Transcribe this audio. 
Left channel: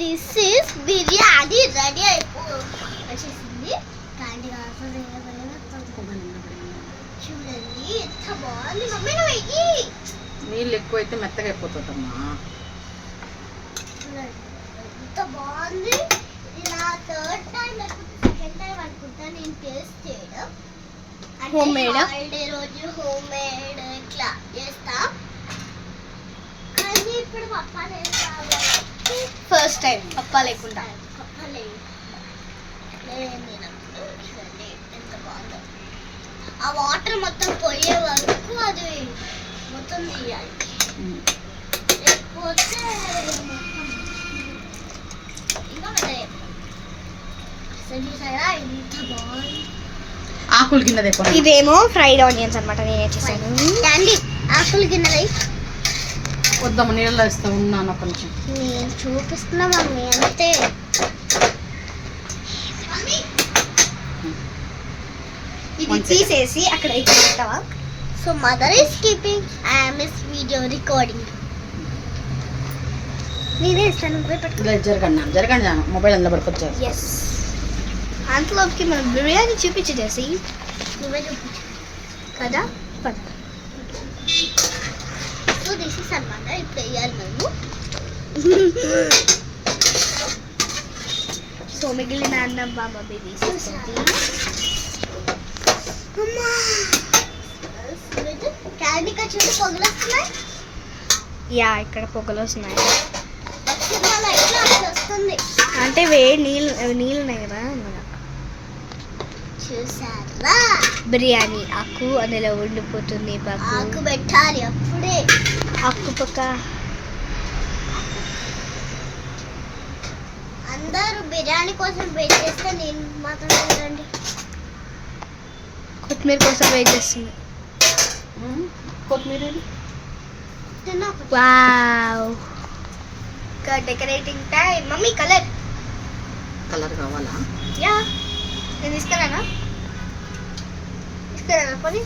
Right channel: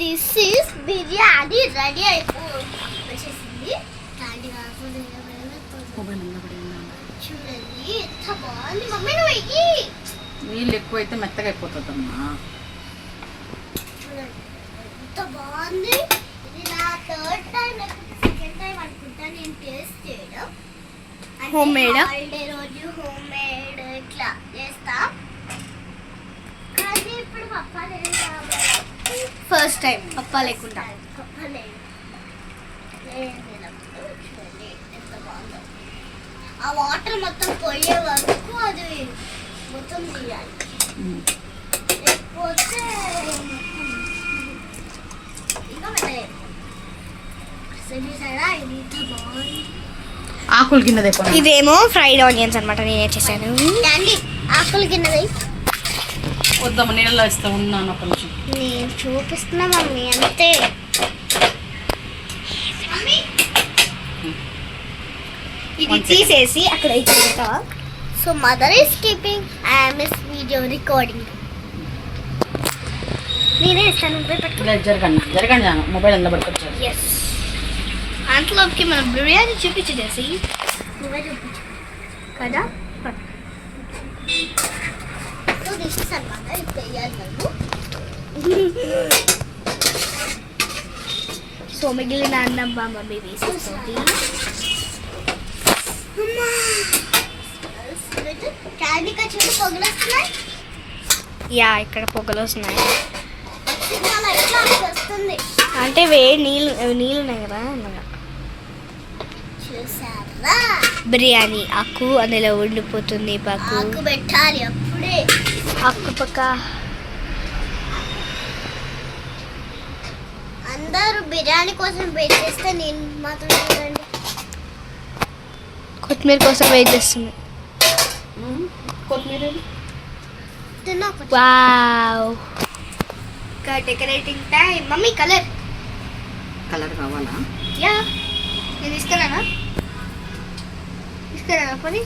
This is biryani ready వచ్చేసింది. చూడండి ఎంత బాగుంది. మమ్మీ నువ్వు వెయ్యి. నీళ్ళు ఎక్కువైతే మెత్తగా అయిపోతుందమ్మా. చూడండి ఎంత బాగుంది. ఇది నా థర్డ్ టైం సెకండ్ టైం అనుకుంటా నేను టేస్ట్ చేయడం. హోమ్ మేడ్ హాలిడే రోజు హోమ్ మేడ్ ఇట్లా చేస్తా. కానీ ఇప్పుడు పప్పా లేదు కాబట్టి ఫస్ట్ టైం పప్పా లేకుండా. పప్పా లేదు. చూడండి ఎంత బాగుందో. ఆ వాటర్ మొత్తం పోయే వరకు అది మొత్తం తీయాలి. లేకపోతే ఇంకా చూసారా ఇంత బాగుంది. ఆకులు గిన్నె ఇదేమో ఫ్రైడ్ ఆనియన్స్ అనమాట. నేనే చేశాను. క్యాండీ ఆకులు గిన్నెలు వద్దాము, నీళ్ళలో ఇస్తా ఉన్నాను కొంచెం. నేను చూపిస్తున్నా మమ్మీ అంతే. ఇది తీసేసి అక్కడ ఇచ్చేస్తావా? So mother is keeping I'm is video recording. నేనే ఇస్తాను. జరగండి మొబైల్ అందులో పట్టుకొచ్చారు. ఎస్. అంతలోకి మనం బిర్యానీ చూపించేసి నువ్వే చూపించు కదా. సో దిస్ ఇస్ అన్నమాట. ఇప్పుడు వేయాలి మేము. సో మిగిలిన అన్నం మమ్మీ వేసేస్తుంది. క్యాండీకా చూడు పొగలు వస్తున్నాయి. యా ఇక్కడ పొగలు వస్తున్నాయి. సినిమాలో ఎట్లా వస్తుంది అంటే నీళ్ళు ఉన్నాయి కదా అలాగా. చూసారా బిర్యానీ ఆకు అందులో ఉండిపోతుంది. ఆకు పెట్టాలి అప్పుడే. ఆకు పక్క అందరూ బిర్యానీ కోసం వెయిట్ చేస్తే నేను మాత్రం చూడండి కొత్తిమీర కోసం వెయిట్ చేస్తుంది. కొత్తిమీర తిన్నా. Wow. Decorating time. Mummy colour కావాలా? యా నేను తీసుకురానా పోనీ.